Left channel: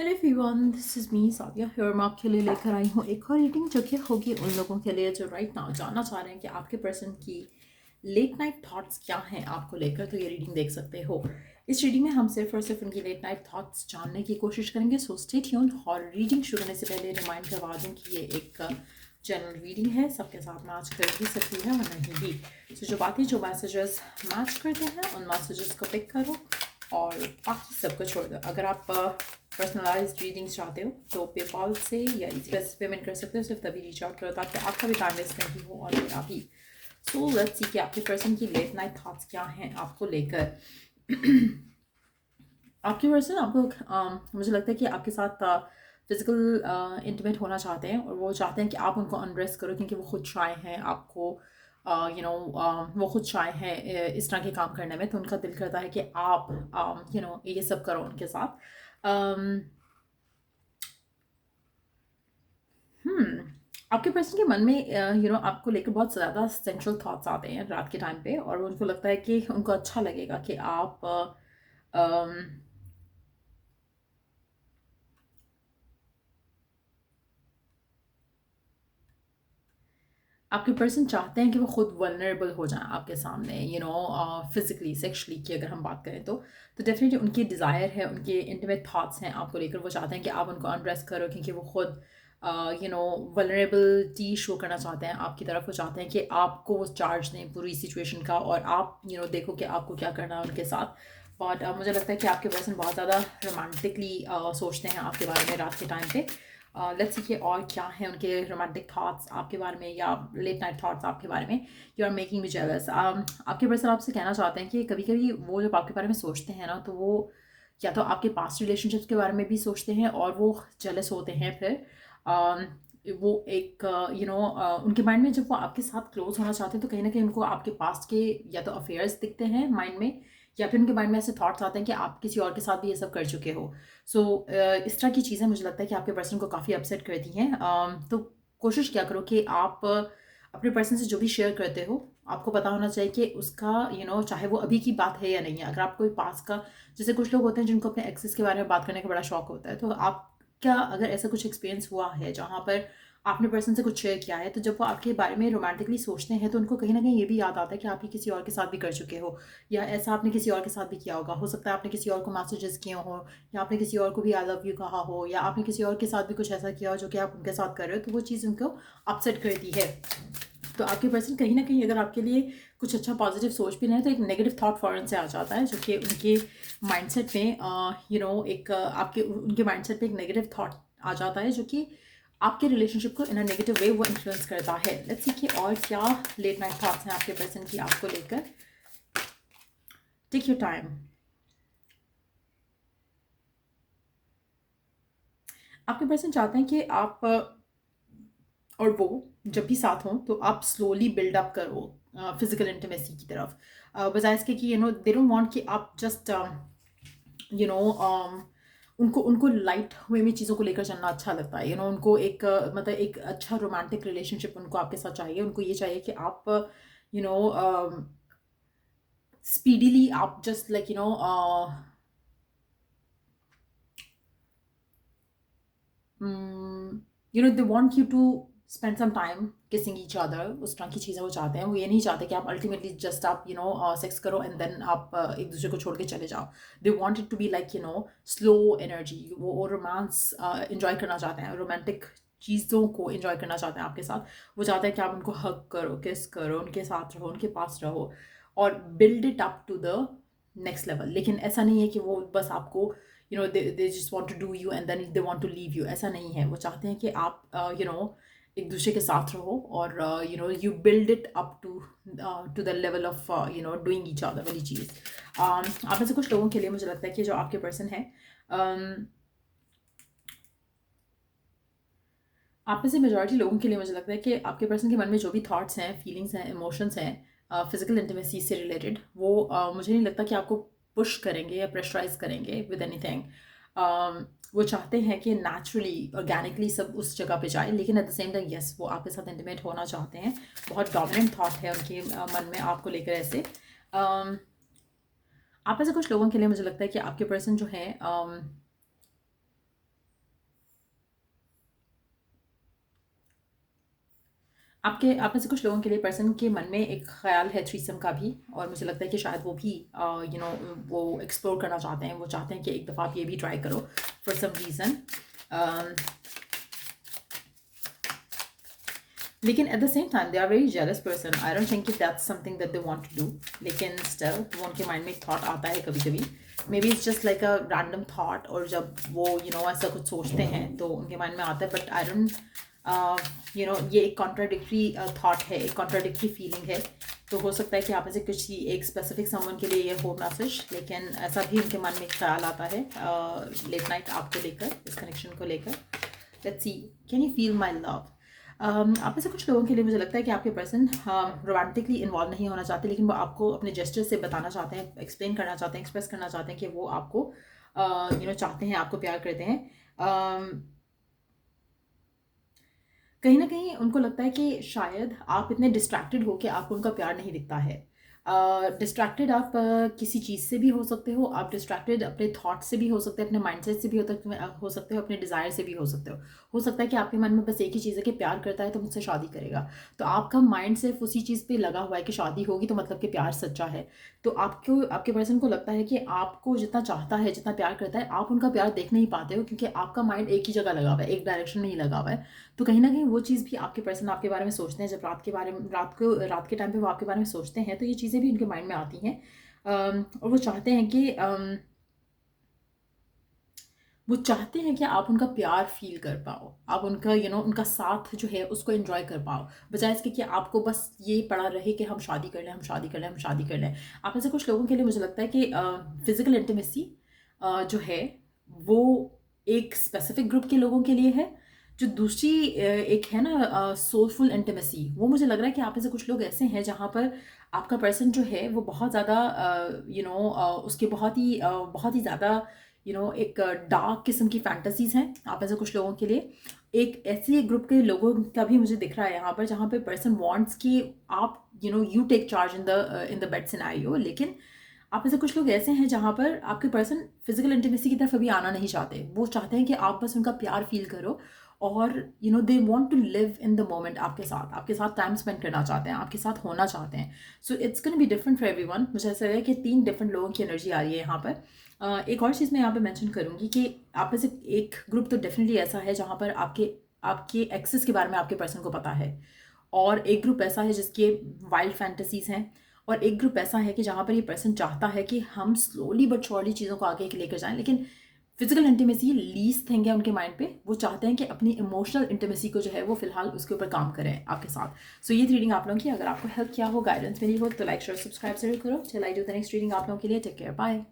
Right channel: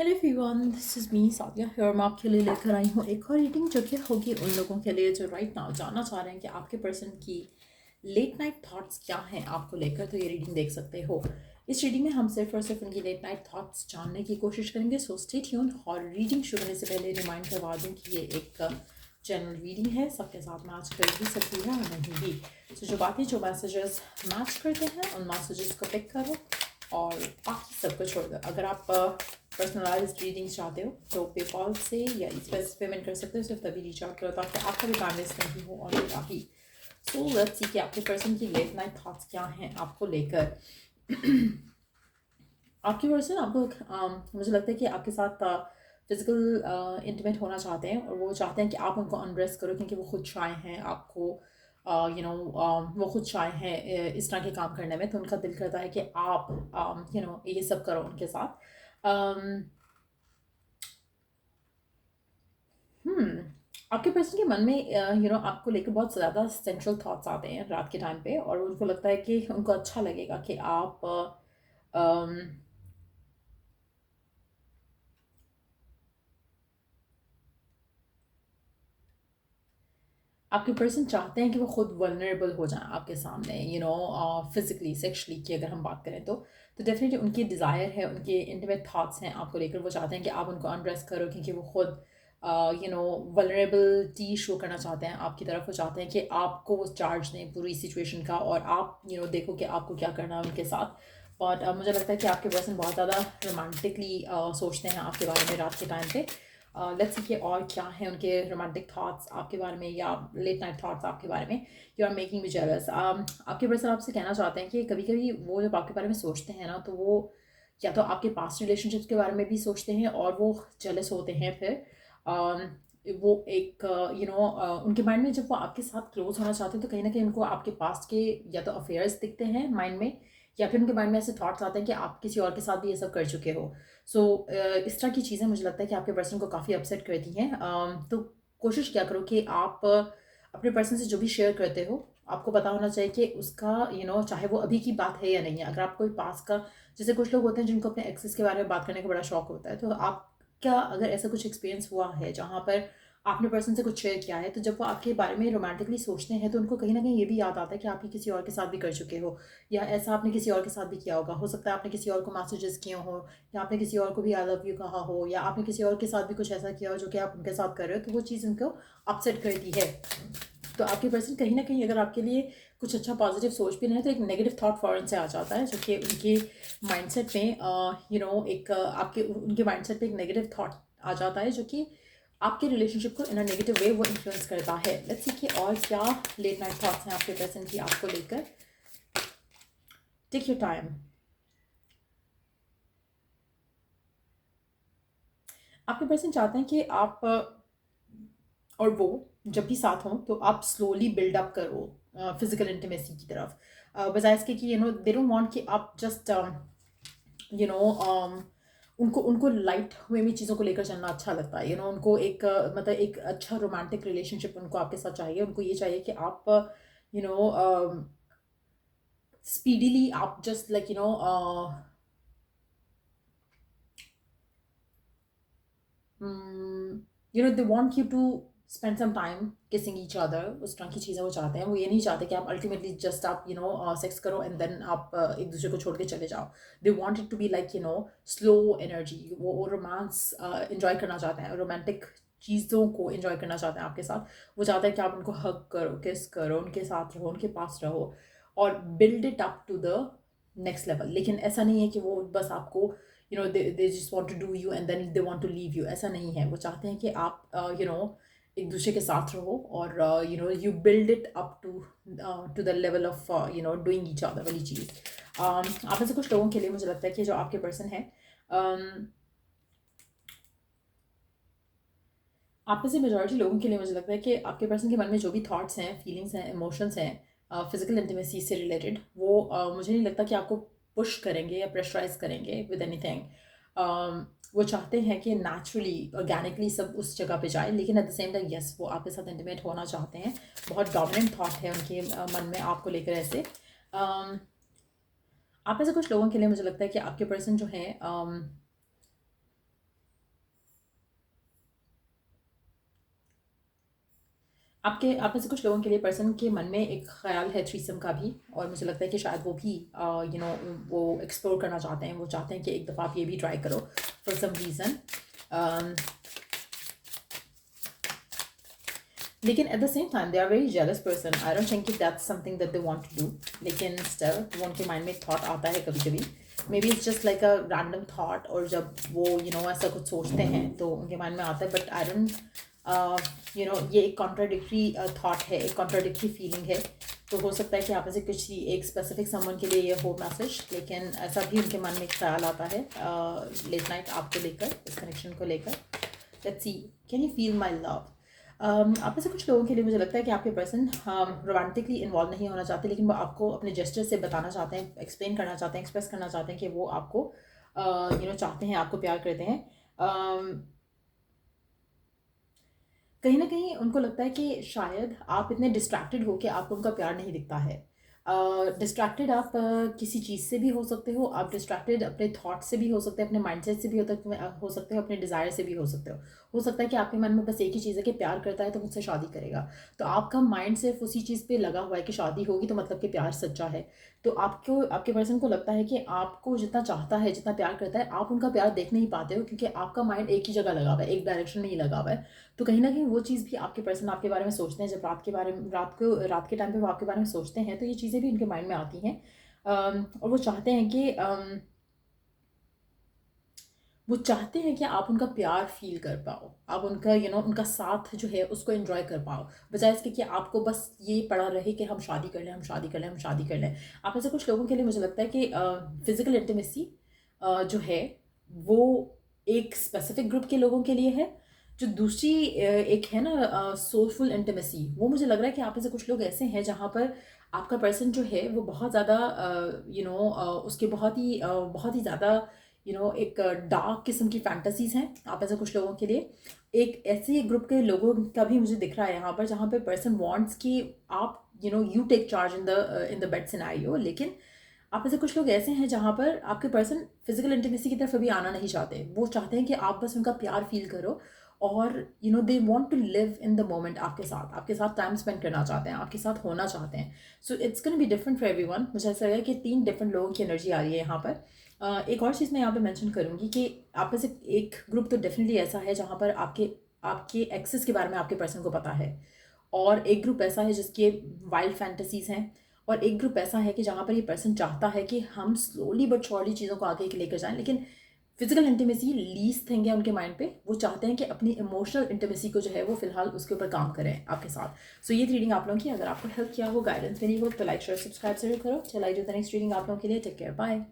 Hello everyone, this is me Sadia here. मैं आपके लिए लेकर आई हूँ एक और रीडिंग जो कि होगी उन लोगों के लिए जो राइट नाउ जानना चाह रहे हैं कि आपके पर्सन की लेट नाइट थॉट्स क्या हैं आपको लेकर। तो ये रीडिंग देख सकते हो। इस रीडिंग में हम सिर्फ और सिर्फ उनकी लेट नाइट थॉट्स जानने की कोशिश करेंगे। So stay tune. और रीडिंग शुरू होने से पहले रिमाइंड करवा दूँ कि ये एक जनरल रीडिंग है, सबके साथ मैच कर भी सकती है और नहीं भी। सो जो बातें जो मैसेजेस मैच करते हैं उन मैसेजेस को पिक करो और बाकी सबको छोड़ दो। अगर आप पर्सनलाइज रीडिंग्स चाहते हो तो पेपॉल से या इस पैसे पेमेंट कर सकते हो। सिर्फ तभी रीच आउट करो ताकि आपका भी टाइम वेस्ट नहीं हो और मेरा भी। सो लेट्स सी कि आपके पर्सन की लेट नाइट थॉट्स क्या हैं आपको लेकर। आपके पर्सन आपको मुझे लगता है कि आपके साथ फिजिकल इंटीमेट होना चाहते हैं और वो चाहते हैं कि आप उनको अनड्रेस करो क्योंकि वो खुद शाय हैं आपको वो खुद शाय हैं इस तरह के काम करने में। तो उनका दिल करता है कि आप ये सब करो उनके साथ। आपके पर्सन के मन में आपको लेकर बहुत ज़्यादा सेंट्रल थॉट्स आते हैं रात के टाइम पे और उनको लगता है कि उनको अच्छा लगेगा कि आप आपके पर्सन चाहते हैं कि वो खुद वल्नरेबल हो जाएं आपके सामने फिजिकली सेक्शुअली की अगर हम बात करें तो डेफिनेटली उनकी डिज़ायर है, उनके इंटीमेट थॉट्स हैं आपको लेकर। वो चाहते हैं कि आप उनको अनड्रेस करो क्योंकि वो खुद वल्नरेबिलिटी शो करना चाहते हैं आपकी तरफ। वो चाहते हैं कि आपको वो चार्ज दें पूरी सिचुएशन का और आप देखो कि आपको क्या करना है उनके साथ। बट मुझे लगता है कि आपके पर्सन बहुत ज़्यादा रोमांटिकली सोचते हैं आपके बारे में रात के टाइम पे। लेट्स सी कि और क्या है उनके रोमांटिक थॉट्स आपके बारे में या लेट नाइट थॉट्स आपके बारे में। You are making me jealous. आपके पर्सन आपसे कहना चाहते हैं कि कभी कभी वो जब आपके बारे में सोचते हैं ना तो वो या तो आपके पास्ट रिलेशनशिप्स के बारे में भी सोचते हैं और वो जेलस होते हैं फिर। वो एक उनके माइंड में जब वो आपके साथ क्लोज होना चाहते हैं तो कहीं ना कहीं उनको आपके पास्ट के या तो अफेयर्स दिखते हैं माइंड में या फिर उनके माइंड में ऐसे थॉट्स आते हैं कि आप किसी और के साथ भी ये सब कर चुके हो। सो इस तरह की चीज़ें मुझे लगता है कि आपके पर्सन को काफ़ी अपसेट करती हैं। तो कोशिश क्या करो कि आप अपने पर्सन से जो भी शेयर करते हो आपको पता होना चाहिए कि उसका चाहे वो अभी की बात है या नहीं है। अगर आप कोई पास का, जैसे कुछ लोग होते हैं जिनको अपने एक्सेस के बारे में बात करने का बड़ा शौक होता है, तो आप क्या अगर ऐसा कुछ एक्सपीरियंस हुआ है जहाँ पर आपने पर्सन से कुछ शेयर किया है तो जब वो आपके बारे में रोमांटिकली सोचते हैं तो उनको कहीं ना कहीं ये भी याद आता है कि आप ये किसी और के साथ भी कर चुके हो या ऐसा आपने किसी और के साथ भी किया होगा। हो सकता है आपने किसी और को मैसेजेस किए हो या आपने किसी और को भी आई लव यू कहा हो या आपने किसी और के साथ भी कुछ ऐसा किया हो जो कि आप उनके साथ कर रहे हो, तो वो चीज़ उनको अपसेट करती है। तो आपके पर्सन कहीं ना कहीं अगर आपके लिए कुछ अच्छा पॉजिटिव सोच भी नहीं है तो एक नेगेटिव थॉट फ़ौरन से आ जाता है जो कि उनके माइंडसेट में एक आपके उनके माइंडसेट पे एक नेगेटिव थॉट आ जाता है जो कि आपके रिलेशनशिप को इन अ नेगेटिव वे वो इन्फ्लुएंस करता है। लेट्स सी कि और क्या लेट नाइट थॉट्स हैं आपके पर्सन की आपको लेकर। Take your time. आपके पर्सन चाहते हैं कि आप और वो जब भी साथ हों तो आप स्लोली बिल्ड अप करो फिजिकल इंटीमेसी की तरफ, बजाय इसके कि दे डोंट वांट कि आप जस्ट यू नो उनको उनको लाइट वे में चीज़ों को लेकर चलना अच्छा लगता है। उनको एक मतलब एक अच्छा रोमांटिक रिलेशनशिप उनको आपके साथ चाहिए। उनको ये चाहिए कि आप यू नो स्पीडीली आप just like they want you to spend some time kissing each other. उस तरह की चीज़ें वो चाहते हैं। वो ये नहीं चाहते कि आप अल्टीमेटली जस्ट आप सेक्स करो एंड देन आप एक दूसरे को छोड़ के चले जाओ। They want it to be like slow energy. वो रोमांस इंजॉय करना चाहते हैं, रोमांटिक चीज़ों को इंजॉय करना चाहते हैं आपके साथ। वो चाहते हैं कि आप उनको हग करो, किस करो, उनके साथ रहो, उनके पास रहो और build it up to the next level. लेकिन ऐसा नहीं है कि वो बस आपको they just want to do you and then they want to leave you। ऐसा नहीं है। वो चाहते हैं कि आप एक दूसरे के साथ रहो और you build it up to the level of doing each other वाली चीज़। आप में से कुछ लोगों के लिए मुझे लगता है कि जो आपके पर्सन है, आप में से मेजॉरिटी लोगों के लिए मुझे लगता है कि आपके पर्सन के मन में जो भी थॉट्स हैं, फीलिंग्स हैं, इमोशंस हैं फिजिकल इंटीमेसी से रिलेटेड, वो मुझे नहीं लगता कि आपको पुश करेंगे या प्रेशराइज करेंगे विद एनीथिंग। वो चाहते हैं कि नेचुरली ऑर्गेनिकली सब उस जगह पे जाए, लेकिन at the same time yes वो आपके साथ इंटीमेट होना चाहते हैं। बहुत डोमिनेंट थॉट है उनके मन में आपको लेकर ऐसे। आप में से कुछ लोगों के लिए मुझे लगता है कि आपके पर्सन जो है आप में से कुछ लोगों के लिए पर्सन के मन में एक ख्याल है थ्रीसम का भी, और मुझे लगता है कि शायद वो भी वो एक्सप्लोर करना चाहते हैं, वो चाहते हैं कि एक दफ़ा आप ये भी ट्राई करो फॉर सम रीज़न। लेकिन at the same time they are very jealous person. I don't think that's something that they want to do, लेकिन स्टिल वो उनके माइंड में एक थॉट आता है कभी कभी। May be it's just like a random thought, और जब वो ऐसा कुछ सोचते हैं तो उनके माइंड में आता है, बट आई डोंट ये एक कॉन्ट्राडिक्टरी थॉट है, एक कॉन्ट्राडिक्टरी फीलिंग है। तो हो सकता है कि आप में से कुछ एक स्पेसिफिक समवन के लिए ये हो मैसेज, लेकिन ऐसा भी उनके मन में एक ख्याल आता है लेट नाइट आपको लेकर, इस कनेक्शन को लेकर। Let's see, can you feel my love. आप में से कुछ लोगों के लिए मुझे लगता है कि आपके पर्सन रोमांटिकली इन्वॉल्व नहीं होना चाहते, लेकिन वो आपको अपने जेस्चर से बताना चाहते हैं, एक्सप्लेन करना चाहते हैं, एक्सप्रेस करना चाहते हैं कि वो आपको चाहते हैं, आपको प्यार करते हैं। कहीं ना कहीं उनको लगता है कि शायद आप इतने डिस्ट्रैक्टेड हो कि आपको उनका प्यार नहीं दिखता है। डिस्ट्रैक्टेड आप किसी चीज़ से भी हो सकते हो, आप डिस्ट्रैक्टेड अपने थॉट से भी हो सकते हैं, अपने माइंडसेट से भी हो सकते हो, अपने डिज़ायर से भी हो सकते हो सकता है कि आपके मन में बस एक ही चीज़ है कि प्यार करता है तो मुझसे शादी करेगा। तो आपका माइंड सिर्फ उसी चीज़ पे लगा हुआ है कि शादी होगी तो मतलब कि प्यार सच्चा है। तो आपको, आपके पर्सन को लगता है कि आपको जितना चाहता है, जितना प्यार करता है, आप उनका प्यार देख नहीं पाते हो, क्योंकि आपका माइंड एक ही जगह लगा हुआ है, एक डायरेक्शन में ही लगा हुआ है। तो कहीं ना कहीं वो चीज़ भी आपके पर्सन आपके बारे में सोचते हैं, जब रात के टाइम पे वो आपके बारे में सोचते हैं, तो ये चीज़ें भी उनके माइंड में आती हैं। और वो चाहते हैं कि आप उनका प्यार फील कर पाओ, आप उनका उनका साथ जो है उसको एंजॉय कर पाओ, बजाय इसके कि आपको बस ये पड़ा रहे कि हम शादी कर लें, हम शादी कर लें, हम शादी कर लें। आप में से कुछ लोगों के लिए मुझे लगता है कि फिजिकल इंटीमेसी जो है वो एक स्पेसिफिक ग्रुप के लोगों के लिए है। जो दूसरी एक है ना सोलफुल इंटीमेसी, वो मुझे लग रहा है कि आप में से कुछ लोग ऐसे हैं जहाँ पर आपका पर्सन जो है वो बहुत ज़्यादा उसके बहुत ही ज़्यादा एक डार्क किस्म की फैंटेसीज हैं आप ऐसे कुछ लोगों के लिए। एक ऐसे ग्रुप के लोगों का भी मुझे दिख रहा है यहाँ पर जहाँ पे पर्सन वांट्स कि आप you take charge in the bed scenario, लेकिन आप ऐसे कुछ लोग ऐसे हैं जहाँ पर आपके पर्सन फिजिकल इंटीमेसी की तरफ अभी आना नहीं चाहते। वो चाहते हैं कि आप बस उनका प्यार फील करो, और they want to live in the moment, आपके साथ टाइम स्पेंड करना चाहते हैं, आपके साथ होना चाहते हैं। So it's gonna be different for everyone. मुझे ऐसा लग रहा है कि 3 डिफरेंट लोगों की एनर्जी आ रही है यहाँ पर। एक और चीज़ मैं यहाँ पे मेंशन करूँगी कि आप में से एक ग्रुप तो डेफिनेटली ऐसा है जहाँ पर आपके आपके एक्सेस के बारे में आपके पर्सन को पता है, और एक ग्रुप ऐसा है जिसके वाइल्ड फैंटेसीज हैं, और एक ग्रुप ऐसा है कि जहाँ पर ये पर्सन चाहता है कि हम स्लोली बट श्योरली चीज़ों को आगे लेकर जाएं, लेकिन फिजिकल इंटीमेसी लीस्ट थिंग है उनके माइंड पे। वो चाहते हैं कि अपनी इमोशनल इंटीमेसी को जो है वो फिलहाल उसके ऊपर काम करें आपके साथ। सो ये रीडिंग आप लोगों की अगर आपको हेल्प किया हो, गाइडेंस मिली हो, तो लाइक शेयर सब्सक्राइब जरूर करो। चल I do the next reading आप लोगों के लिए। Take care, bye.